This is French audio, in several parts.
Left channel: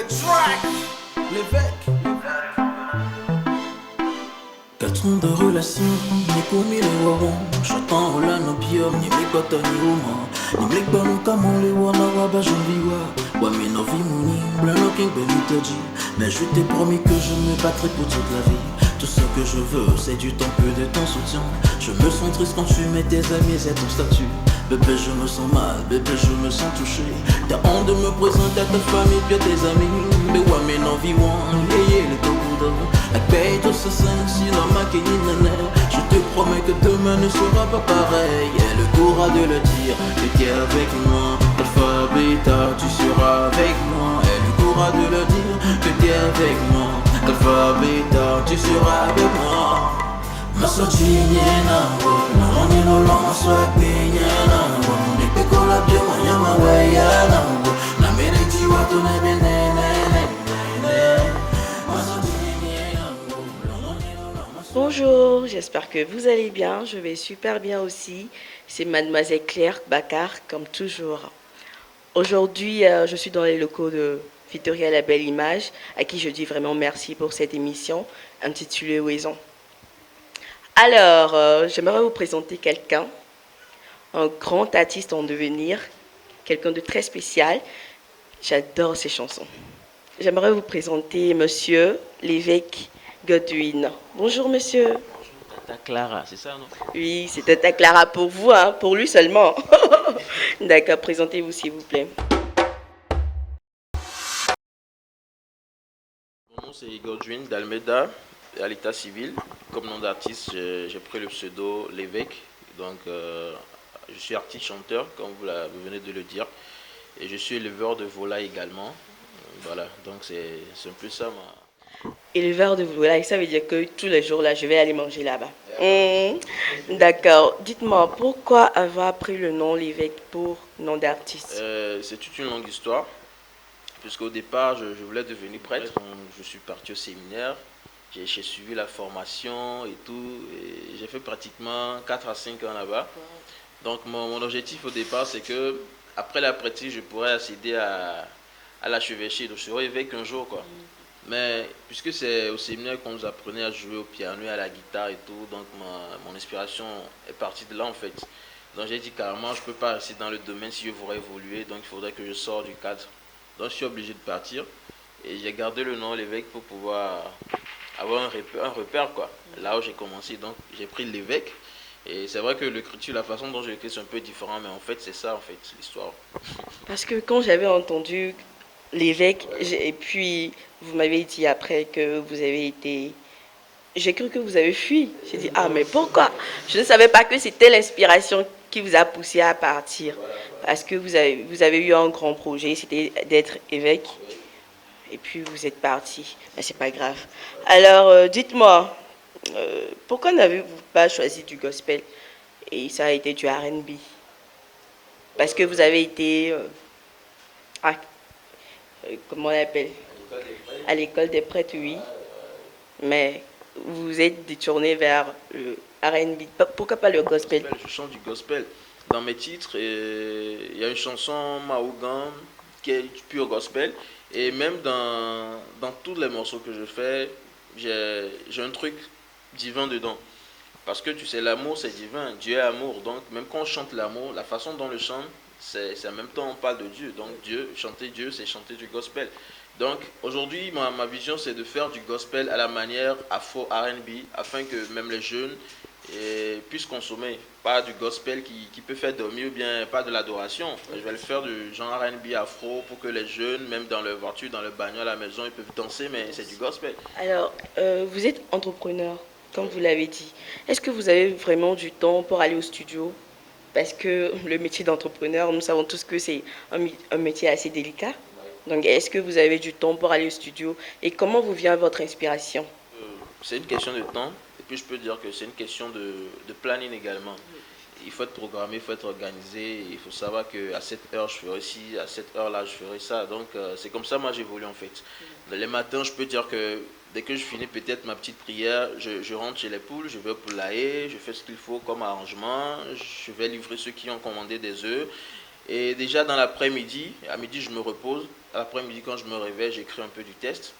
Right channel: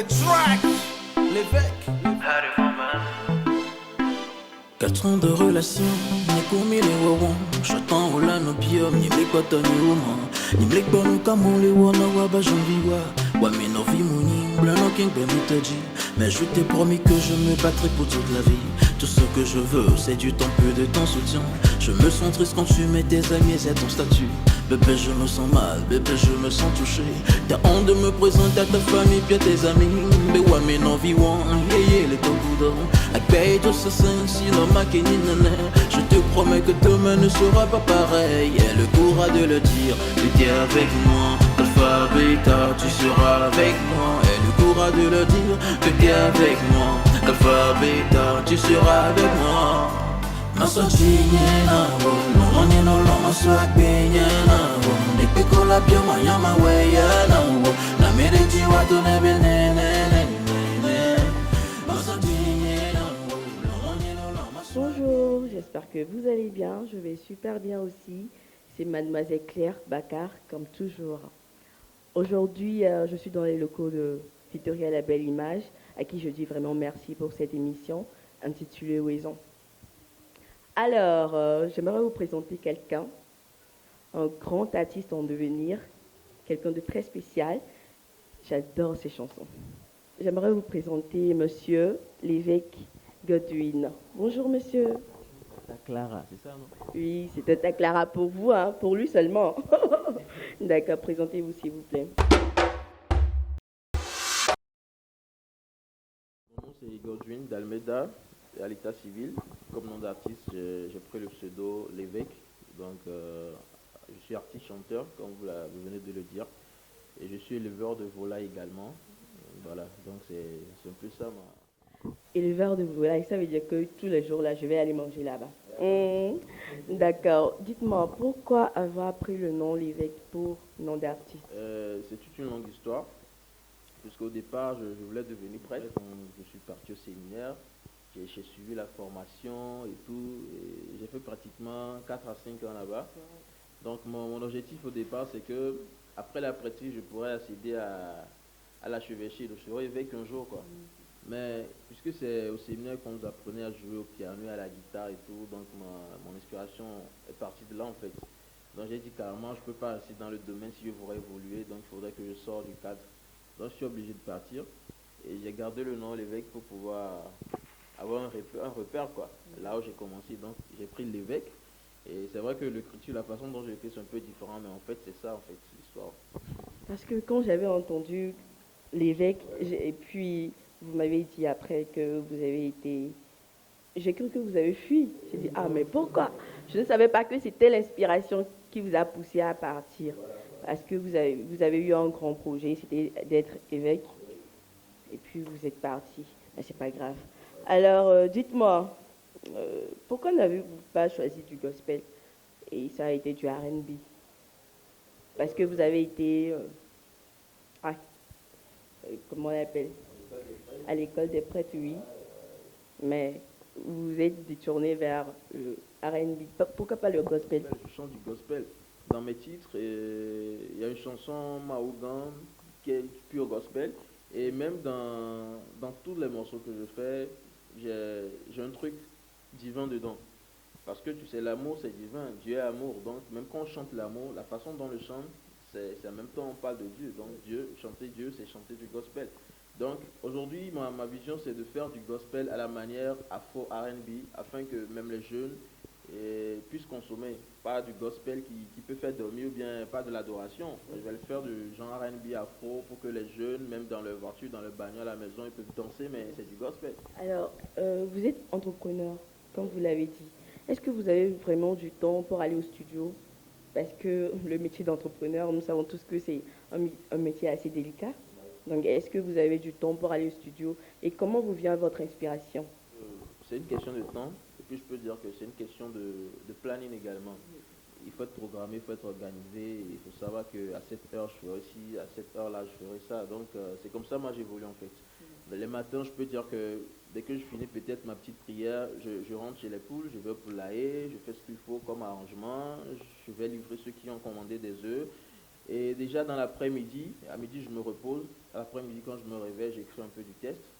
the track. L'évêque. 4 ans de relation, ni commis les wawon. J'attends au lano pium, ni me kota ni woman. Ni me banu kamon les wana waba janviwa. Wa me no vi mouni, blano king ben mitaji. Mais je t'ai promis que je me battrai pour toute la vie. Tout ce que je veux, c'est du temps, peu de ton soutien. Je me sens triste quand tu mets tes amis et ton statut. Bébé, je me sens mal, bébé, je me sens touché. T'as honte de me présenter à ta famille puis à tes amis. Mais ouais, mais non, vivant, yeah, les togoudons. Avec paye tout ça, si l'homme a qu'une nana. Je te promets que demain ne sera pas pareil. Et le courage de le dire, tu es avec moi. Alpha, bêta, tu seras avec moi. Et le courage de le dire, que tu es avec moi. Alpha, bêta, tu seras avec moi. Masojinye na wo, lonye lolo maswak binye na wo. Deke kola bio manyama weya na wo. Na mereji watu nebe ne ne ne ne. Masojinye na wo, lonye lolo maswak. Bonjour, j'espère que vous allez bien. Je vais super bien aussi. C'est Mademoiselle Claire Baccar, comme toujours. Aujourd'hui, je suis dans les locaux de Victoria La Belle Image, à qui je dis vraiment merci pour cette émission intitulée Oison. Alors, j'aimerais vous présenter quelqu'un, un grand artiste en devenir, quelqu'un de très spécial. J'adore ses chansons. J'aimerais vous présenter Monsieur l'évêque Godwin. Bonjour monsieur. Tata Clara, c'est ça non? Oui, c'est Tata Clara pour vous, hein, pour lui seulement. D'accord, présentez-vous s'il vous plaît. Mon nom c'est Godwin d'Almeida, à l'état civil. Comme nom d'artiste, j'ai pris le pseudo L'évêque. Donc, je suis artiste-chanteur, comme vous venez de le dire. Et je suis éleveur de volailles également. Voilà, donc c'est un peu ça Éleveur de volailles, ça veut dire que tous les jours là, je vais aller manger là-bas. D'accord. Dites-moi, pourquoi avoir pris le nom l'évêque pour nom d'artiste? C'est toute une longue histoire. Puisqu'au départ, je voulais devenir prêtre. Donc, je suis parti au séminaire. J'ai suivi la formation et tout. Et j'ai fait pratiquement 4 à 5 ans là-bas. Donc, mon objectif au départ, c'est que après la prêtrise, je pourrais accéder à l'archevêché. Donc, je serai évêque un jour, quoi. Mais puisque c'est au séminaire qu'on nous apprenait à jouer au piano et à la guitare et tout, donc mon inspiration est partie de là, en fait. Donc, j'ai dit carrément, je ne peux pas rester dans le domaine si je voudrais évoluer. Donc, il faudrait que je sorte du cadre. Donc, je suis obligé de partir. Et j'ai gardé le nom l'évêque pour pouvoir avoir un repère, quoi. Là où j'ai commencé, donc j'ai pris l'évêque. Et c'est vrai que l'écriture, la façon dont je l'écris, c'est un peu différent, mais en fait, c'est ça, en fait, l'histoire. Parce que quand j'avais entendu l'évêque, et puis vous m'avez dit après que vous avez été... J'ai cru que vous avez fui. J'ai dit, ah mais pourquoi? Je ne savais pas que c'était l'inspiration qui vous a poussé à partir. Parce que vous avez eu un grand projet, c'était d'être évêque. Et puis vous êtes parti. Mais c'est pas grave. Alors, dites-moi, pourquoi n'avez-vous pas choisi du gospel et ça a été du R&B? Parce que vous avez été, à- comment on l'appelle? À l'école des prêtres, oui. Mais vous vous êtes détourné vers le R&B. Pourquoi pas le gospel? Je chante du gospel. Dans mes titres, il y a une chanson Maougan qui est du pur gospel. Et même dans tous les morceaux que je fais, j'ai un truc divin dedans. Parce que tu sais, l'amour c'est divin, Dieu est amour. Donc même quand on chante l'amour, la façon dont on le chante, c'est en même temps on parle de Dieu. Donc chanter Dieu, c'est chanter du gospel. Donc aujourd'hui, ma vision c'est de faire du gospel à la manière afro R&B afin que même les jeunes puissent consommer. Pas du gospel qui peut faire dormir ou bien pas de l'adoration. Je vais le faire du genre R&B afro pour que les jeunes, même dans leur voiture, dans leur bagnole à la maison, ils peuvent danser, mais c'est du gospel. Alors, vous êtes entrepreneur, comme vous l'avez dit. Est-ce que vous avez vraiment du temps pour aller au studio? Parce que le métier d'entrepreneur, nous savons tous que c'est un métier assez délicat. Donc, est-ce que vous avez du temps pour aller au studio? Et comment vous vient votre inspiration? C'est une question de temps, et puis je peux dire que c'est une question de planning également. Il faut être programmé, il faut être organisé, il faut savoir qu'à cette heure je ferai ci, à cette heure-là je ferai ça. Donc c'est comme ça moi j'évolue en fait. Les matins je peux dire que dès que je finis peut-être ma petite prière, je rentre chez les poules, je vais au poulailler, je fais ce qu'il faut comme arrangement, je vais livrer ceux qui ont commandé des œufs. Et déjà dans l'après-midi, à midi je me repose, l'après-midi, quand je me réveille, j'écris un peu du test,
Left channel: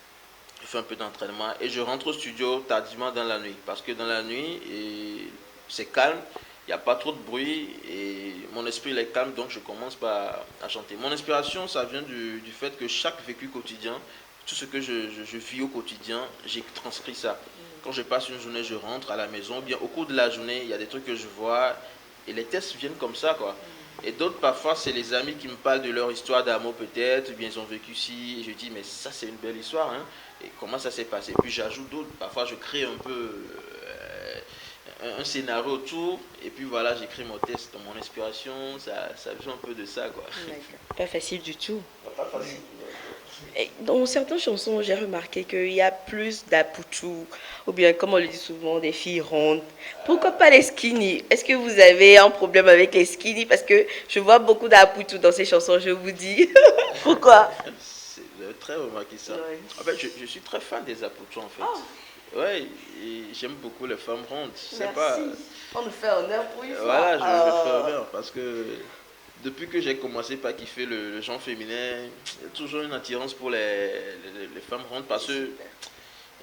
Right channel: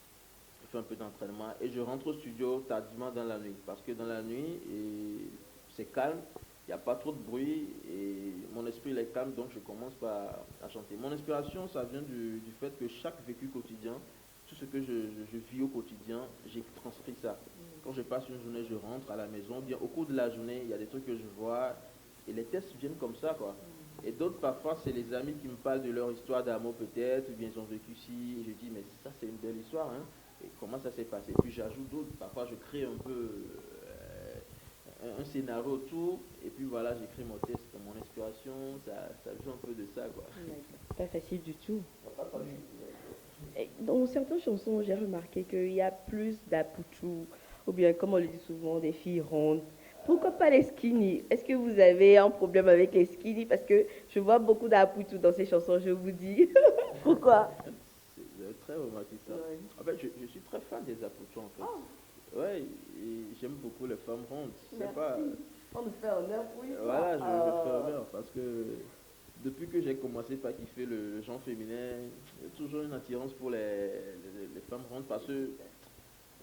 je fais un peu d'entraînement et je rentre au studio tardivement dans la nuit. Parce que dans la nuit, c'est calme, il n'y a pas trop de bruit et mon esprit il est calme, donc je commence à chanter. Mon inspiration, ça vient du fait que chaque vécu quotidien, tout ce que je vis au quotidien, j'ai transcrit ça. Quand je passe une journée, je rentre à la maison, ou bien au cours de la journée, il y a des trucs que je vois et les tests viennent comme ça, quoi. Et d'autres, parfois, c'est les amis qui me parlent de leur histoire d'amour peut-être, ou bien ils ont vécu ci, et je dis, mais ça c'est une belle histoire, hein. Et comment ça s'est passé. Puis j'ajoute d'autres, parfois je crée un peu un scénario autour, et puis voilà, j'écris mon texte, mon inspiration, ça vient un peu de ça, quoi. Pas facile du tout. Pas facile. Et dans certaines chansons, j'ai remarqué qu'il y a plus d'apoutou, ou bien, comme on le dit souvent, des filles rondes. Pourquoi pas les skinny? Est-ce que vous avez un problème avec les skinny? Parce que je vois beaucoup d'apoutou dans ces chansons, je vous dis. Pourquoi? Vous avez très remarqué ça. Ouais. En fait, je suis très fan des apoutos, en fait. Ouais, et j'aime beaucoup les femmes rondes. C'est pas. On nous fait honneur pour une fois. Voilà, je le fais honneur parce que depuis que j'ai commencé par kiffer le genre féminin, il y a toujours une attirance pour les femmes rondes parce que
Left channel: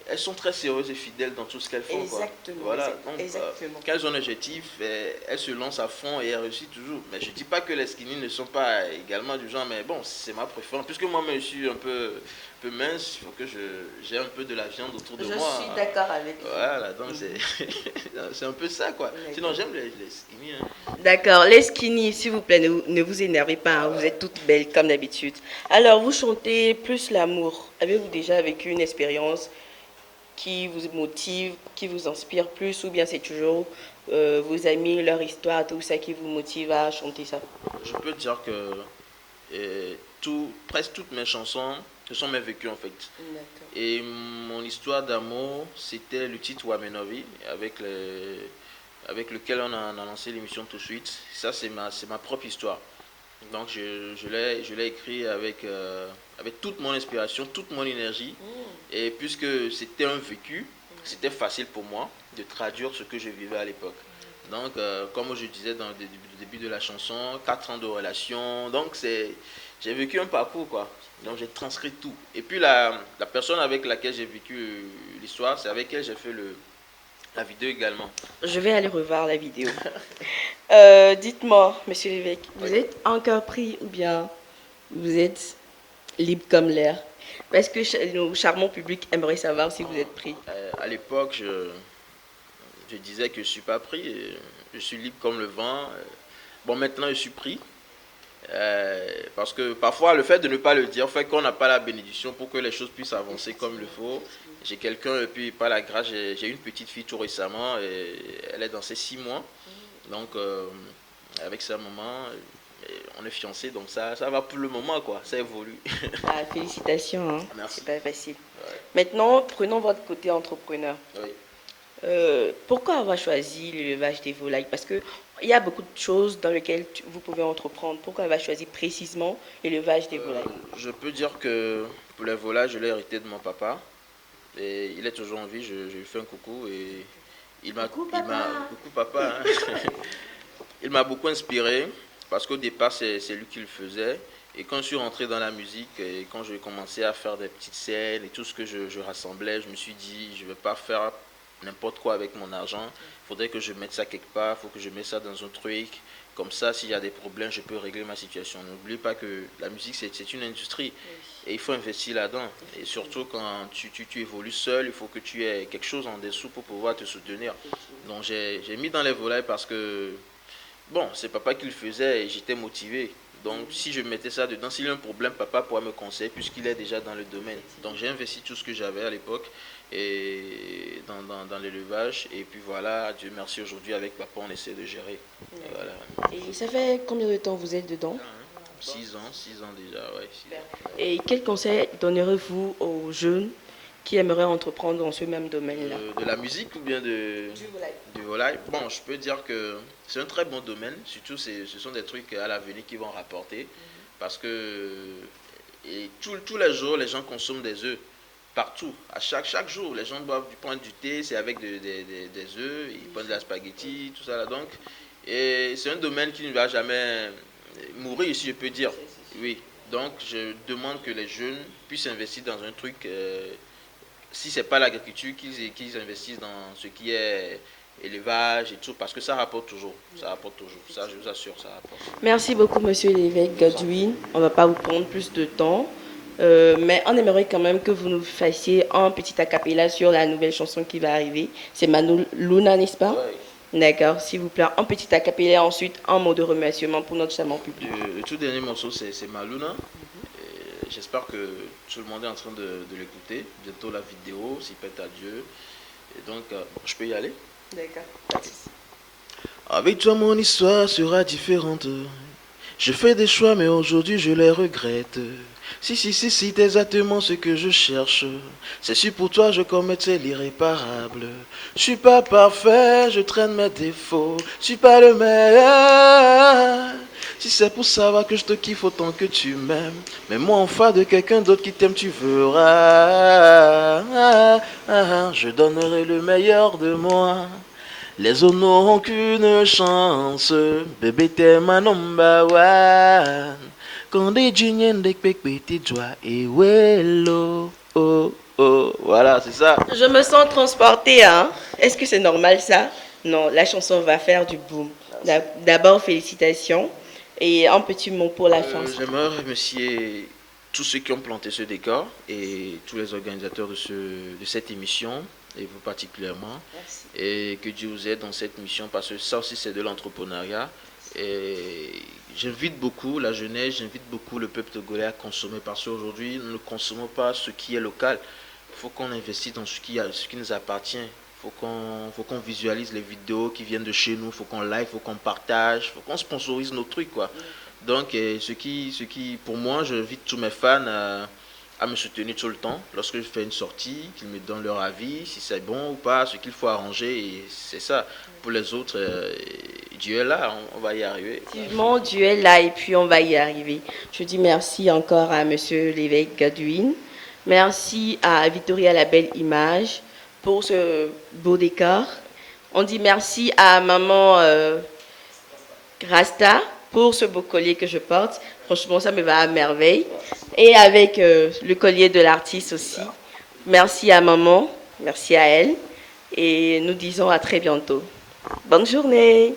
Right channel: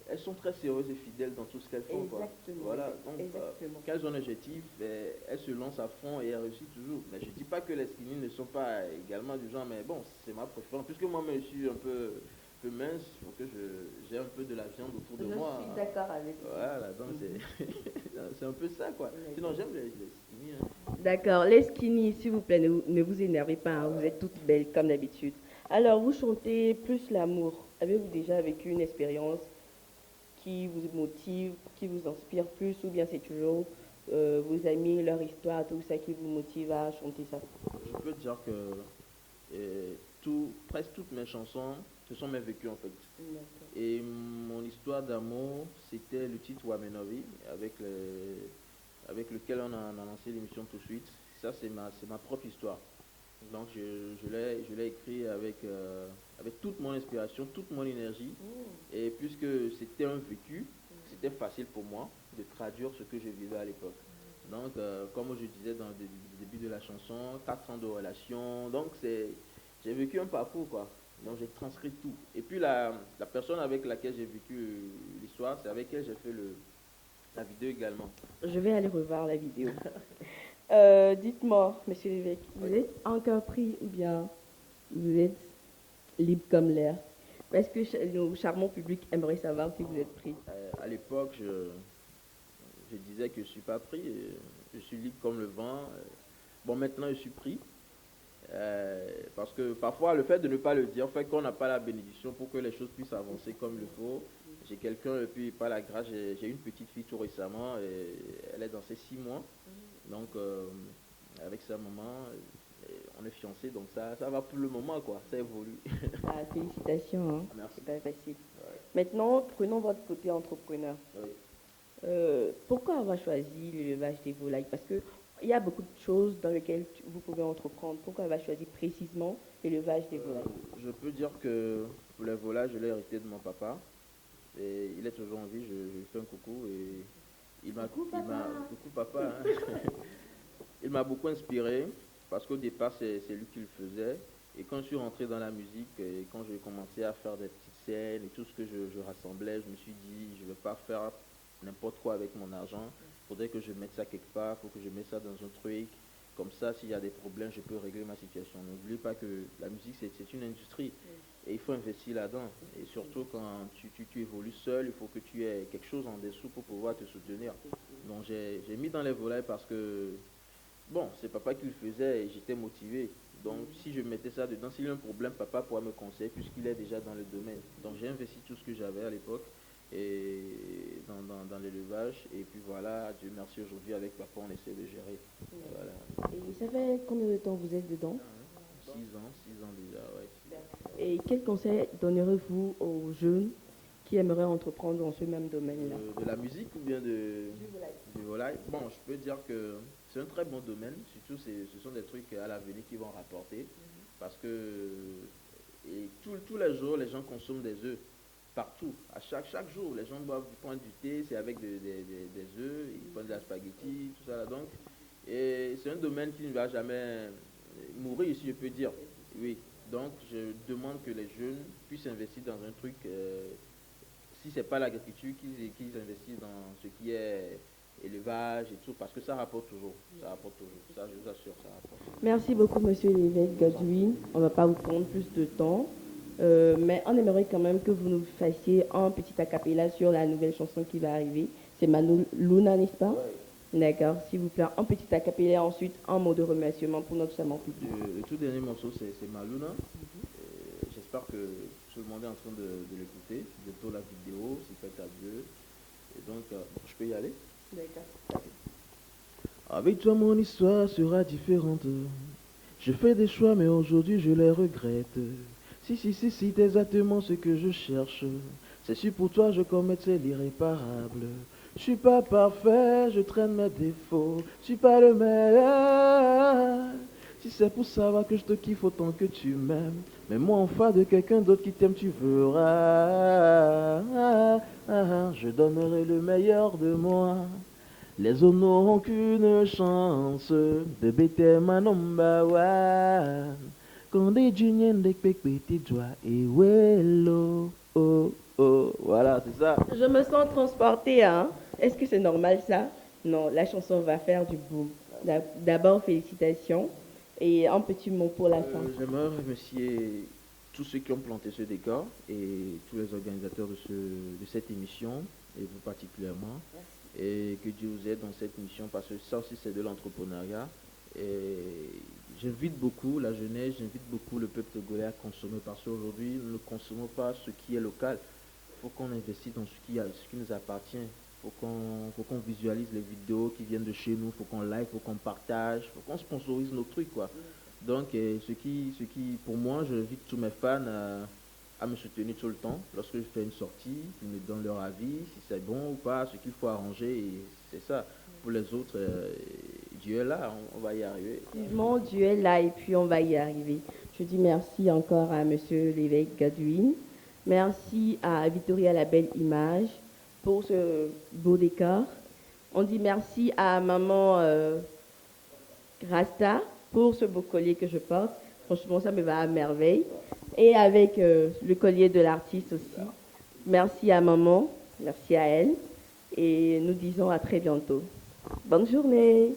elles sont très sérieuses et fidèles dans tout ce qu'elles font. Exactement. Quoi. Voilà, donc Exactement. quand elles ont un objectif, elles se lancent à fond et elles réussissent toujours. Mais je ne dis pas que les skinny ne sont pas également du genre, mais bon, c'est ma préférence. Puisque moi-même je suis un peu mince, il faut que j'ai un peu de la viande autour de moi. Je suis d'accord avec vous. Voilà, donc c'est un peu ça, quoi. Sinon, j'aime les skinny. Hein. D'accord. Les skinny, s'il vous plaît, ne vous énervez pas, hein, vous êtes toutes belles comme d'habitude. Alors, vous chantez plus l'amour. Avez-vous déjà vécu une expérience qui vous motive, qui vous inspire plus, ou bien c'est toujours vos amis, leur histoire, tout ça qui vous motive à chanter ça? Je peux dire que presque toutes mes chansons, ce sont mes vécus en fait. Et mon histoire d'amour, c'était le titre Wamenovi, avec lequel on a lancé l'émission tout de suite. Ça, c'est ma propre histoire. Donc, je l'ai écrit avec toute mon inspiration, toute mon énergie. Et puisque c'était un vécu, c'était facile pour moi de traduire ce que je vivais à l'époque. Donc, comme je disais dans le début de la chanson, 4 ans de relation. Donc, j'ai vécu un parcours, quoi. Donc, j'ai transcrit tout. Et puis, la personne avec laquelle j'ai vécu l'histoire, c'est avec elle j'ai fait la vidéo également. Je vais aller revoir la vidéo. Dites-moi, monsieur l'évêque, vous êtes encore pris ou bien vous êtes libre comme l'air? Parce que nos charmants publics aimeraient savoir si vous êtes pris. À l'époque, je disais que je ne suis pas pris. Je suis libre comme le vent. Bon, maintenant, je suis pris. Parce que parfois, le fait de ne pas le dire fait qu'on n'a pas la bénédiction pour que les choses puissent avancer comme il le faut. J'ai quelqu'un, et puis par la grâce, j'ai une petite fille tout récemment. Et elle est dans ses 6 mois. Donc, avec sa maman, on est fiancés. Donc, ça va pour le moment, quoi. Ça évolue. Ah, félicitations. Hein. Merci. C'est pas facile. Ouais. Maintenant, prenons votre côté entrepreneur. Oui. Pourquoi avoir choisi l'élevage des volailles? Parce qu'il y a beaucoup de choses dans lesquelles vous pouvez entreprendre. Pourquoi avoir choisi précisément l'élevage des volailles? Je peux dire que pour les volailles, je l'ai hérité de mon papa. Et il est toujours en vie, je lui fais un coucou. Et coucou papa. Hein. Il m'a beaucoup inspiré parce qu'au départ, c'est lui qui le faisait. Et quand je suis rentré dans la musique, et quand j'ai commencé à faire des petites scènes et tout ce que je rassemblais, je me suis dit, je ne vais pas faire n'importe quoi avec mon argent. Il faudrait que je mette ça quelque part, il faut que je mette ça dans un truc. Comme ça, s'il y a des problèmes, je peux régler ma situation. N'oublie pas que la musique, c'est une industrie. Et il faut investir là-dedans. Et surtout, quand tu évolues seul, il faut que tu aies quelque chose en dessous pour pouvoir te soutenir. Donc, j'ai mis dans les volailles parce que, bon, c'est papa qui le faisait et j'étais motivé. Donc, si je mettais ça dedans, s'il y a un problème, papa pourra me conseiller puisqu'il est déjà dans le domaine. Donc, j'ai investi tout ce que j'avais à l'époque et dans l'élevage. Et puis voilà, Dieu merci, aujourd'hui, avec papa, on essaie de gérer. Voilà. Et ça fait combien de temps vous êtes dedans? 6 ans déjà, ouais. 6 ans. Et quel conseil donnerez-vous aux jeunes qui aimeraient entreprendre dans ce même domaine-là? De la musique ou bien du volaille? Bon, je peux dire que c'est un très bon domaine. Surtout, ce sont des trucs à l'avenir qui vont rapporter. Parce que tous les jours, les gens consomment des œufs. Partout. À chaque jour, les gens boivent du thé, c'est avec des œufs, ils prennent de la spaghetti, tout ça là. Donc, et c'est un domaine qui ne va jamais mourir, si je peux dire. Oui. Donc, je demande que les jeunes puissent investir dans un truc, si ce n'est pas l'agriculture, qu'ils investissent dans ce qui est élevage et tout, parce que ça rapporte toujours. Ça rapporte toujours. Ça, je vous assure, ça rapporte. Merci beaucoup, monsieur l'évêque Godwin. On ne va pas vous prendre plus de temps. Mais on aimerait quand même que vous nous fassiez un petit acapella sur la nouvelle chanson qui va arriver. C'est Manu Luna, n'est-ce pas? Ouais. D'accord, s'il vous plaît, un petit acapella, ensuite un mot de remerciement pour notre charmant public. Le tout dernier morceau, c'est Maluna. J'espère que tout le monde est en train de l'écouter. Bientôt la vidéo, s'il pète à Dieu. Et donc, je peux y aller? D'accord. Avec toi, mon histoire sera différente. Je fais des choix, mais aujourd'hui je les regrette. Si, c'est exactement ce que je cherche. C'est sûr pour toi, je commettais l'irréparable. Je suis pas parfait, je traîne mes défauts. Je suis pas le meilleur. Si c'est pour savoir que je te kiffe autant que tu m'aimes, mais moi en face de quelqu'un d'autre qui t'aime, tu verras. Je donnerai le meilleur de moi. Les autres n'auront qu'une chance. Bébé, t'es ma number one. Quand des juniors des pépés joie et wello. Oh, oh. Voilà, c'est ça. Je me sens transportée, hein? Est-ce que c'est normal ça? Non, la chanson va faire du boom. D'abord, félicitations. Et un petit mot pour la fin. J'aimerais remercier tous ceux qui ont planté ce décor et tous les organisateurs de cette émission, et vous particulièrement. Merci. Et que Dieu vous aide dans cette mission, parce que ça aussi c'est de l'entrepreneuriat. Et j'invite beaucoup la jeunesse, j'invite beaucoup le peuple togolais à consommer, parce qu'aujourd'hui nous ne consommons pas ce qui est local. Il faut qu'on investisse dans ce qui nous appartient. Il faut qu'on visualise les vidéos qui viennent de chez nous, il faut qu'on like, il faut qu'on partage, il faut qu'on sponsorise nos trucs, quoi. Donc pour moi, j'invite tous mes fans à me soutenir tout le temps lorsque je fais une sortie, qu'ils me donnent leur avis, si c'est bon ou pas, ce qu'il faut arranger, et c'est ça. Pour les autres, Dieu est là, on va y arriver. Effectivement, Dieu est là et puis on va y arriver. Je dis merci encore à monsieur l'évêque Godwin. Merci à Victoria La Belle Image pour ce beau décor. On dit merci à maman Rasta pour ce beau collier que je porte. Franchement, ça me va à merveille. Et avec le collier de l'artiste aussi. Merci à maman, merci à elle. Et nous disons à très bientôt. Bonne journée.